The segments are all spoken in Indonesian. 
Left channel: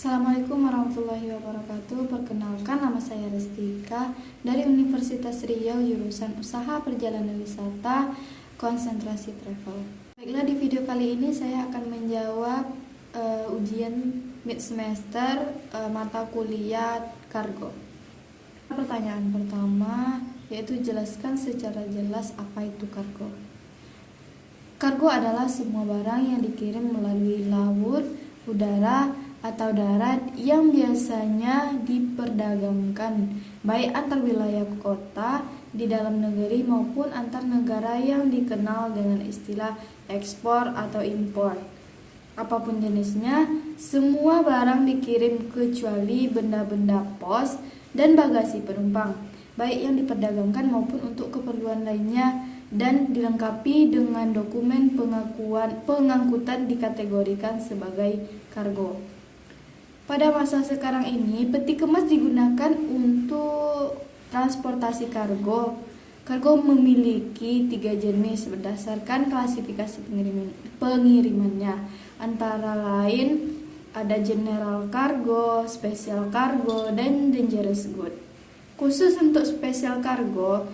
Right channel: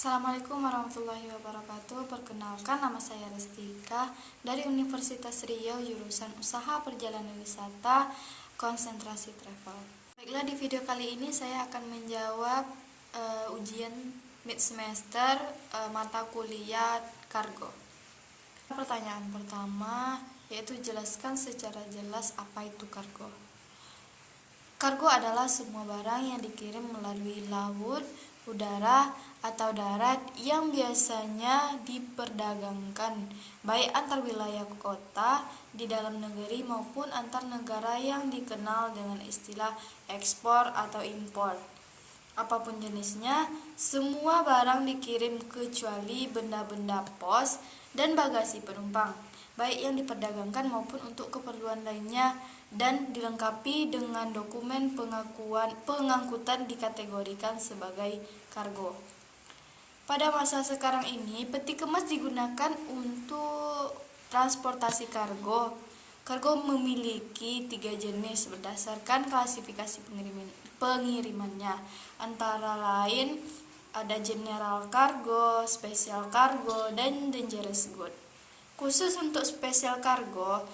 Assalamualaikum warahmatullahi wabarakatuh. Perkenalkan, nama saya Restika dari Universitas Riau, jurusan Usaha Perjalanan Wisata, konsentrasi travel. Baiklah, di video kali ini saya akan menjawab ujian mid semester mata kuliah kargo. Pertanyaan pertama yaitu jelaskan secara jelas apa itu kargo. Kargo adalah semua barang yang dikirim melalui laut, udara, atau darat yang biasanya diperdagangkan baik antar wilayah kota di dalam negeri maupun antar negara yang dikenal dengan istilah ekspor atau impor. Apapun jenisnya, semua barang dikirim kecuali benda-benda pos dan bagasi penumpang, baik yang diperdagangkan maupun untuk keperluan lainnya, dan dilengkapi dengan dokumen pengangkutan dikategorikan sebagai kargo. Pada masa sekarang ini, peti kemas digunakan untuk transportasi kargo. Kargo memiliki 3 jenis berdasarkan klasifikasi pengirimannya. Antara lain ada general cargo, special cargo, dan dangerous good. Khusus untuk special cargo,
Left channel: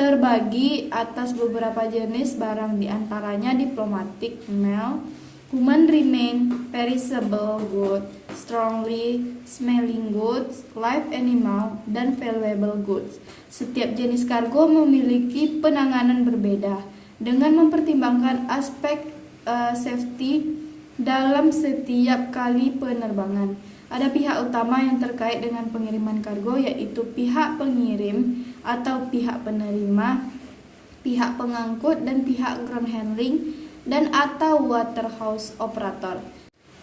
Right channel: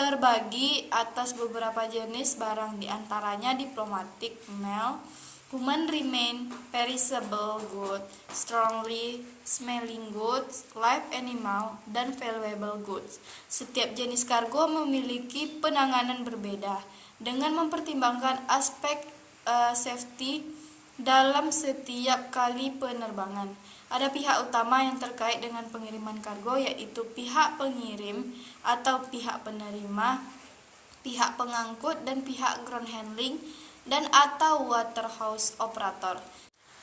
terbagi atas beberapa jenis barang, diantaranya diplomatic mail, human remain, perishable goods, strongly smelling goods, live animal, dan valuable goods. Setiap jenis kargo memiliki penanganan berbeda dengan mempertimbangkan aspek safety dalam setiap kali penerbangan. Ada pihak utama yang terkait dengan pengiriman kargo, yaitu pihak pengirim atau pihak penerima, pihak pengangkut, dan pihak ground handling dan atau waterhouse operator.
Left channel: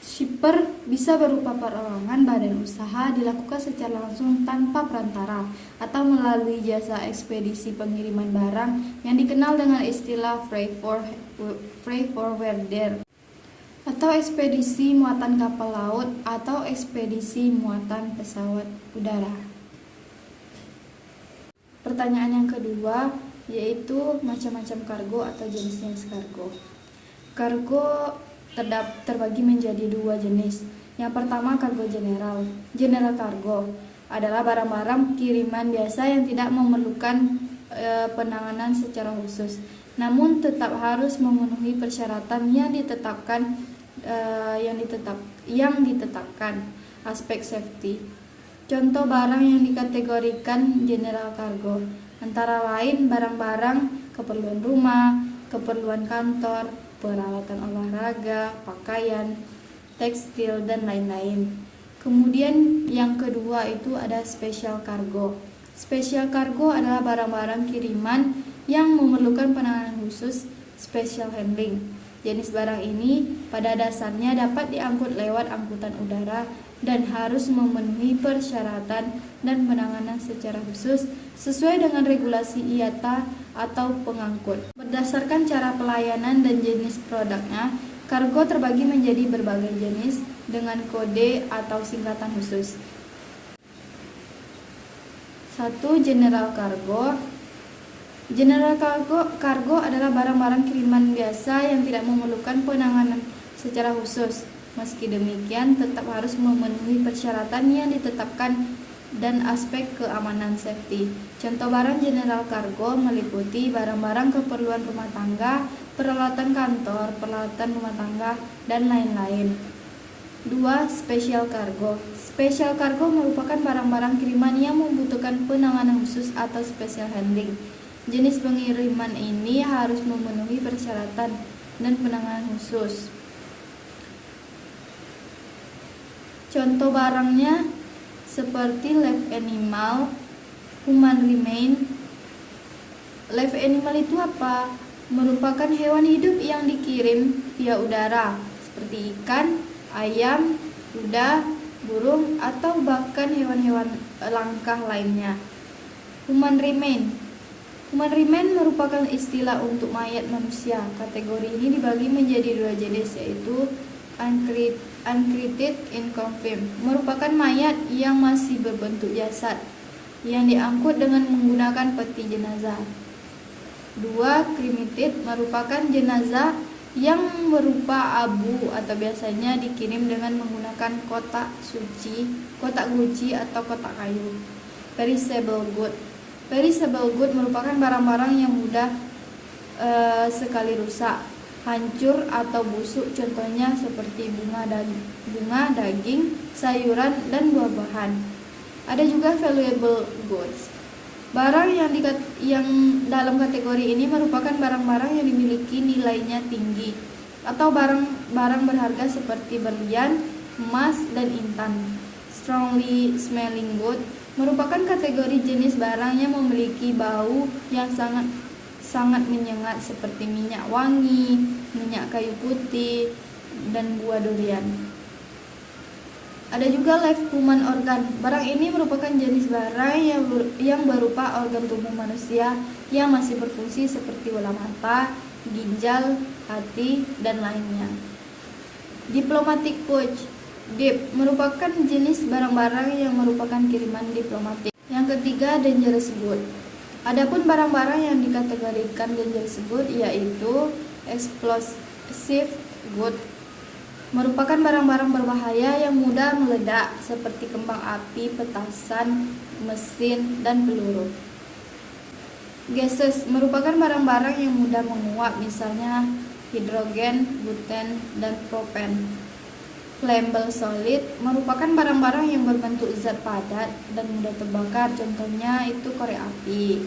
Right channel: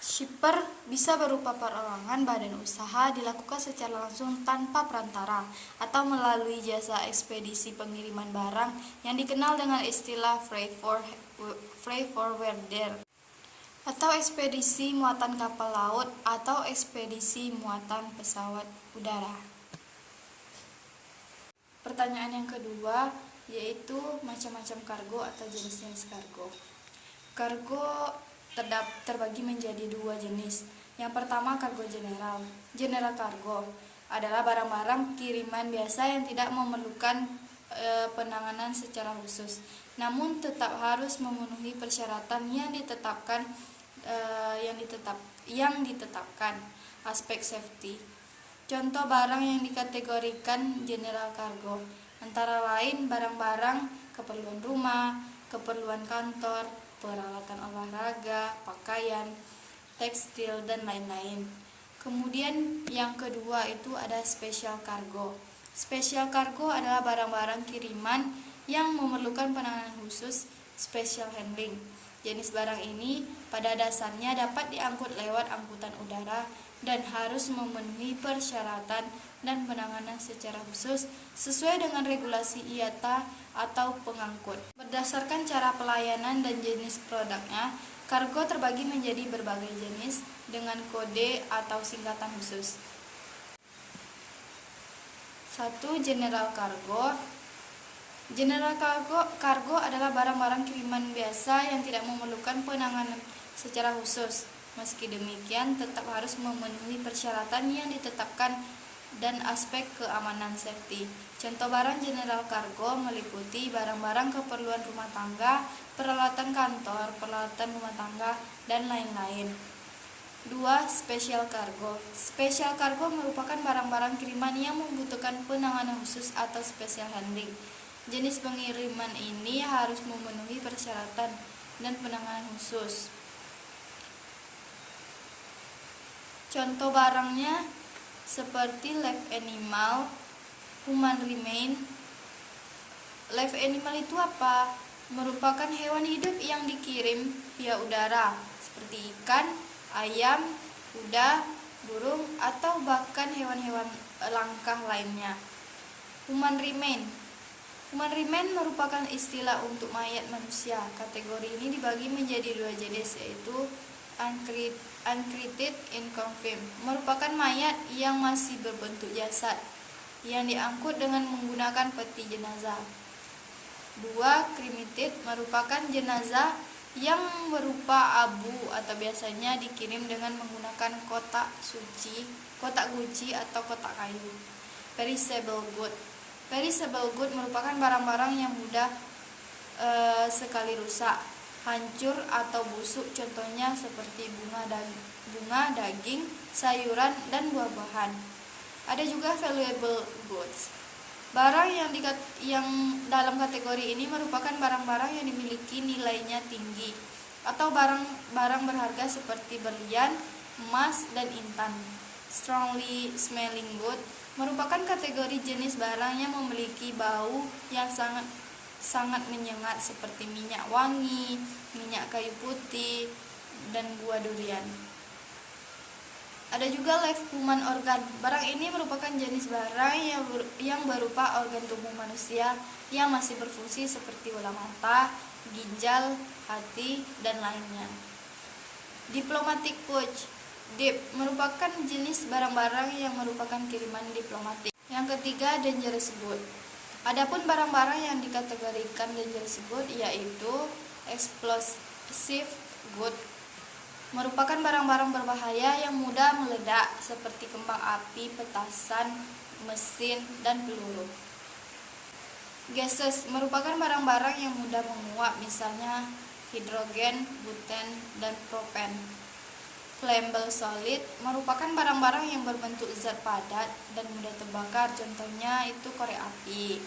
Shipper bisa berupa perorangan badan usaha, dilakukan secara langsung tanpa perantara, atau melalui jasa ekspedisi pengiriman barang yang dikenal dengan istilah freight forwarder, atau ekspedisi muatan kapal laut, atau ekspedisi muatan pesawat udara. Pertanyaan yang kedua yaitu macam-macam kargo atau jenis-jenis kargo. Kargo terbagi menjadi 2 jenis. Yang pertama, kargo general. General kargo adalah barang-barang kiriman biasa yang tidak memerlukan penanganan secara khusus, namun tetap harus memenuhi persyaratan yang ditetapkan aspek safety. Contoh barang yang dikategorikan general cargo antara lain barang-barang keperluan rumah, keperluan kantor, peralatan olahraga, pakaian, tekstil, dan lain-lain. Kemudian yang kedua itu ada special cargo. Special cargo adalah barang-barang kiriman yang memerlukan penanganan khusus, special handling. Jenis barang ini pada dasarnya dapat diangkut lewat angkutan udara dan harus memenuhi persyaratan dan penanganan secara khusus sesuai dengan regulasi IATA atau pengangkut. Berdasarkan cara pelayanan dan jenis produknya, kargo terbagi menjadi berbagai jenis dengan kode atau singkatan khusus. 1. General cargo. General cargo adalah barang-barang kiriman biasa yang tidak memerlukan penanganan secara khusus. Meski demikian, tetap harus memenuhi persyaratan yang ditetapkan dan aspek keamanan safety. Contoh barang general cargo meliputi barang-barang keperluan rumah tangga, peralatan kantor, peralatan rumah tangga, dan lain-lain. 2. Special cargo. Special cargo merupakan barang-barang kiriman yang membutuhkan penanganan khusus atau special handling. Jenis pengiriman ini harus memenuhi persyaratan dan penanganan khusus. Contoh barangnya seperti live animal, human remain. Live animal itu apa? Merupakan hewan hidup yang dikirim via udara, seperti ikan, ayam, kuda, burung, atau bahkan hewan-hewan langka lainnya. Human remain. Human remain merupakan istilah untuk mayat manusia. Kategori ini dibagi menjadi 2 jenis, yaitu uncreated inconfirmed, merupakan mayat yang masih berbentuk jasad yang diangkut dengan menggunakan peti jenazah. 2. Cremated, merupakan jenazah yang berupa abu atau biasanya dikirim dengan menggunakan kotak guci atau kotak kayu. Perishable good. Perishable good merupakan barang-barang yang mudah sekali rusak, hancur atau busuk, contohnya seperti bunga, daging, sayuran, dan buah-buahan. Ada juga valuable goods. Barang yang dalam kategori ini merupakan barang-barang yang dimiliki nilainya tinggi atau barang berharga seperti berlian, emas, dan intan. Strongly smelling good merupakan kategori jenis barang yang memiliki bau yang sangat menyengat seperti minyak wangi, minyak kayu putih, dan buah durian. Ada juga live human organ. Barang ini merupakan jenis barang yang berupa organ tubuh manusia yang masih berfungsi seperti bola mata, ginjal, hati, dan lainnya. Diplomatic pouch. Dip merupakan jenis barang-barang yang merupakan kiriman diplomatik. Yang ketiga, dangerous good. Adapun barang-barang yang dikategorikan dangerous good yaitu explosive good, merupakan barang-barang berbahaya yang mudah meledak seperti kembang api, petasan, mesin, dan peluru. Gases merupakan barang-barang yang mudah menguap, misalnya hidrogen, buten, dan propen. Flammable solid merupakan barang-barang yang berbentuk zat padat dan mudah terbakar, contohnya itu korek api.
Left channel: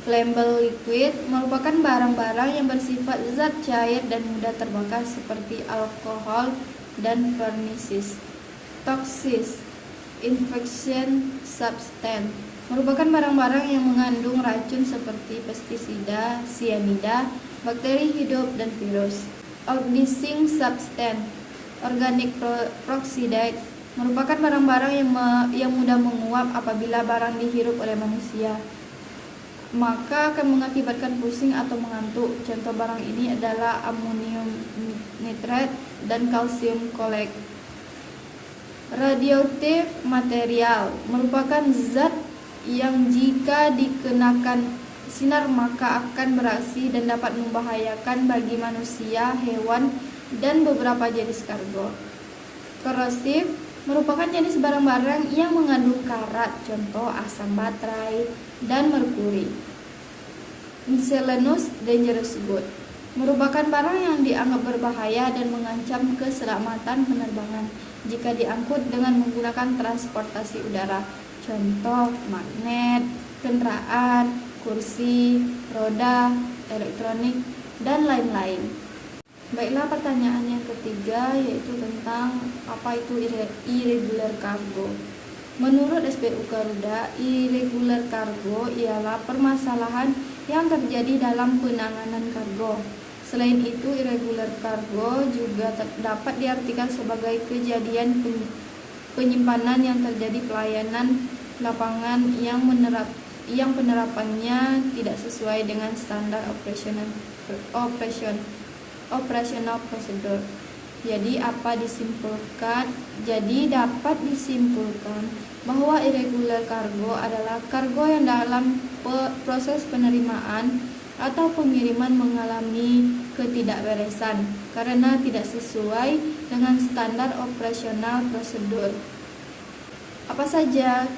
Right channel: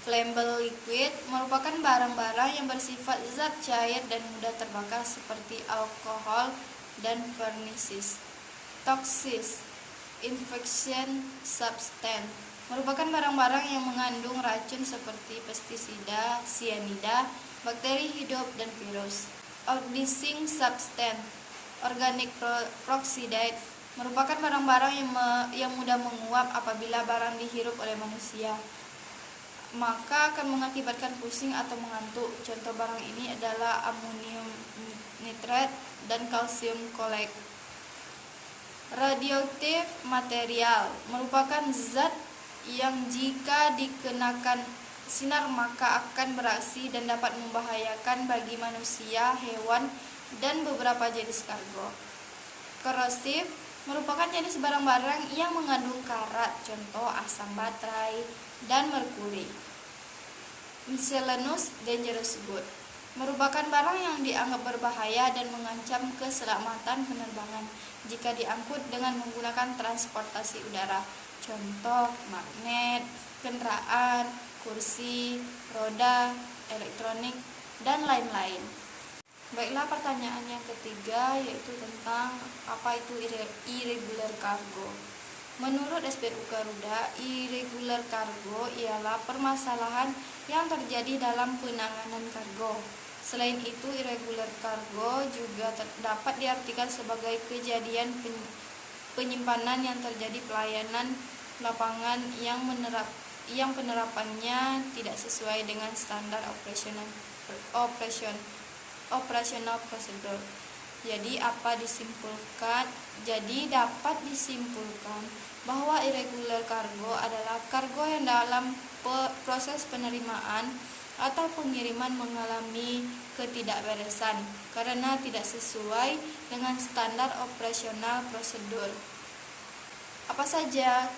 Flammable liquid merupakan barang-barang yang bersifat zat cair dan mudah terbakar seperti alkohol dan furnaces. Toxic infection substance merupakan barang-barang yang mengandung racun seperti pestisida, sianida, bakteri hidup, dan virus. Oxidizing substance, organic peroxide merupakan barang-barang yang mudah menguap apabila barang dihirup oleh manusia, maka akan mengakibatkan pusing atau mengantuk. Contoh barang ini adalah amonium nitrate dan kalsium chloride. Radioactive material merupakan zat yang jika dikenakan sinar maka akan bereaksi dan dapat membahayakan bagi manusia, hewan, dan beberapa jenis kargo. Korosif merupakan jenis barang-barang yang mengandung karat, contoh asam baterai dan merkuri. Miscellaneous dangerous good merupakan barang yang dianggap berbahaya dan mengancam keselamatan penerbangan jika diangkut dengan menggunakan transportasi udara, contoh magnet, kendaraan, kursi, roda, elektronik, dan lain-lain. Baiklah, pertanyaan yang ketiga yaitu tentang apa itu irregular cargo. Menurut SPU Garuda, irregular cargo ialah permasalahan yang terjadi dalam penanganan kargo. Selain itu, irregular cargo juga dapat diartikan sebagai kejadian penyimpanan yang terjadi pelayanan lapangan yang penerapannya tidak sesuai dengan standar operasional prosedur. Jadi dapat disimpulkan bahwa irregular cargo adalah kargo yang dalam proses penerimaan atau pengiriman mengalami ketidakberesan karena tidak sesuai dengan standar operasional prosedur. Apa saja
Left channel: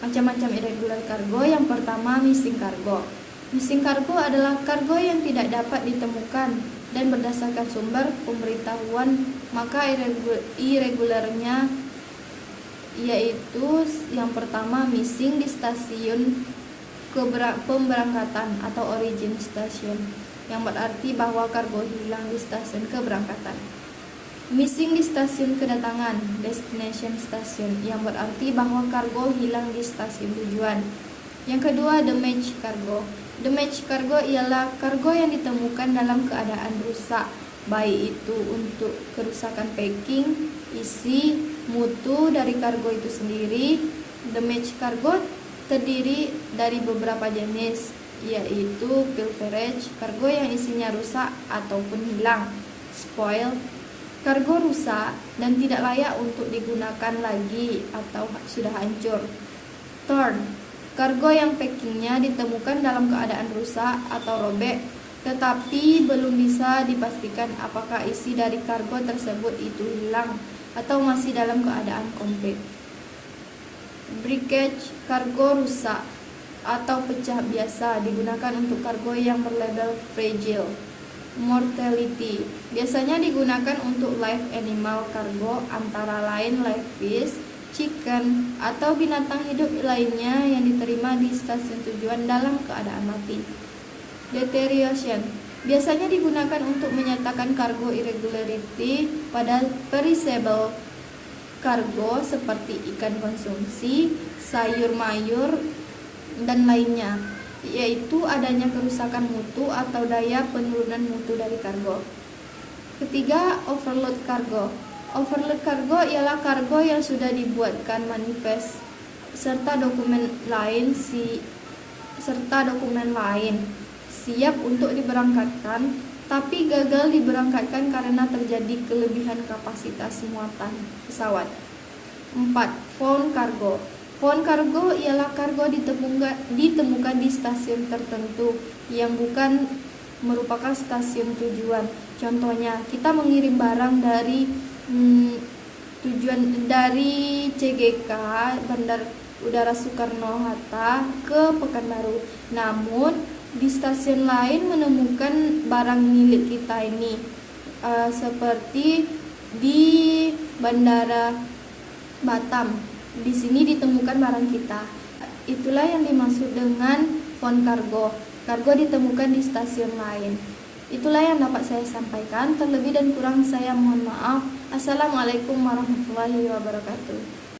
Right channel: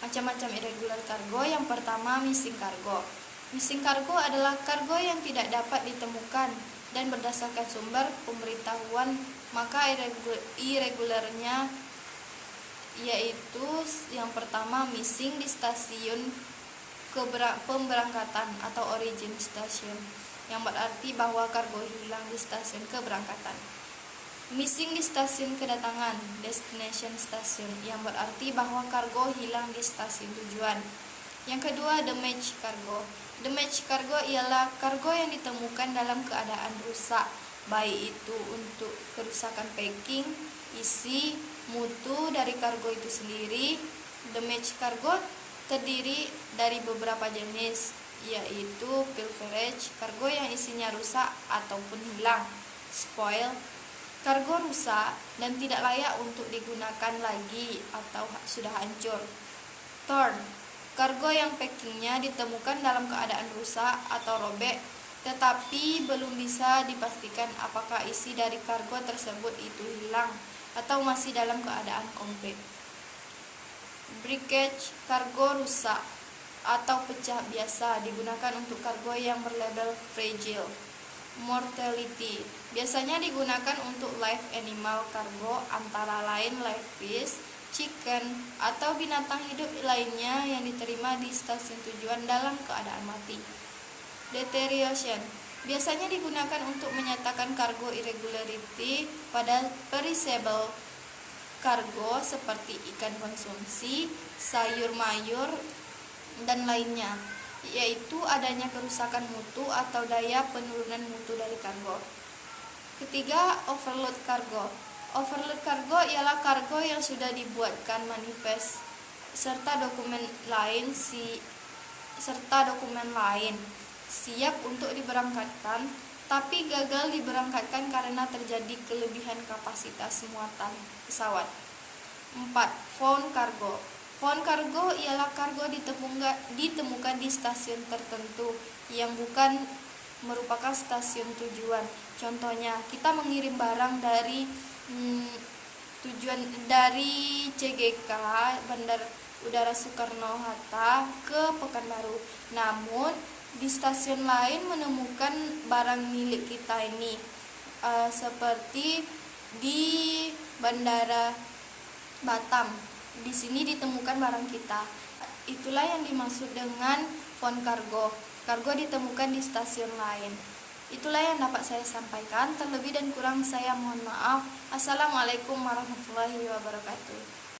macam-macam irregular cargo? Yang pertama, missing cargo. Missing cargo adalah kargo yang tidak dapat ditemukan dan berdasarkan sumber pemberitahuan, maka irregularnya yaitu yang pertama, missing di stasiun pemberangkatan atau origin station, yang berarti bahwa kargo hilang di stasiun keberangkatan. Missing di stasiun kedatangan, destination station, yang berarti bahwa kargo hilang di stasiun tujuan. Yang kedua, damaged cargo. Damaged cargo ialah kargo yang ditemukan dalam keadaan rusak, baik itu untuk kerusakan packing, isi, mutu dari kargo itu sendiri. Damaged cargo terdiri dari beberapa jenis, yaitu pilferage, kargo yang isinya rusak ataupun hilang. Spoil, kargo rusak dan tidak layak untuk digunakan lagi atau sudah hancur. Torn, kargo yang packingnya ditemukan dalam keadaan rusak atau robek tetapi belum bisa dipastikan apakah isi dari kargo tersebut itu hilang atau masih dalam keadaan komplit. Breakage, kargo rusak atau pecah biasa digunakan untuk kargo yang berlabel fragile. Mortality biasanya digunakan untuk live animal cargo, antara lain live fish, chicken, atau binatang hidup lainnya yang diterima di stasiun tujuan dalam keadaan mati. Deterioration biasanya digunakan untuk menyatakan cargo irregularity pada perishable cargo seperti ikan konsumsi, sayur mayur, dan lainnya, yaitu adanya kerusakan mutu atau daya penurunan mutu dari kargo. Ketiga, overload kargo. Overload kargo ialah kargo yang sudah dibuatkan manifest serta dokumen lain siap untuk diberangkatkan, tapi gagal diberangkatkan karena terjadi kelebihan kapasitas muatan pesawat. 4. Found cargo. Found cargo ialah kargo ditemukan di stasiun tertentu yang bukan merupakan stasiun tujuan. Contohnya, kita mengirim barang dari CGK Bandar Udara Soekarno-Hatta ke Pekanbaru. Namun di stasiun lain menemukan barang milik kita ini, seperti di Bandara Batam. Di sini ditemukan barang kita. Itulah yang dimaksud dengan found cargo. Kargo ditemukan di stasiun lain. Itulah yang dapat saya sampaikan. Terlebih dan kurang saya mohon maaf. Assalamualaikum warahmatullahi wabarakatuh.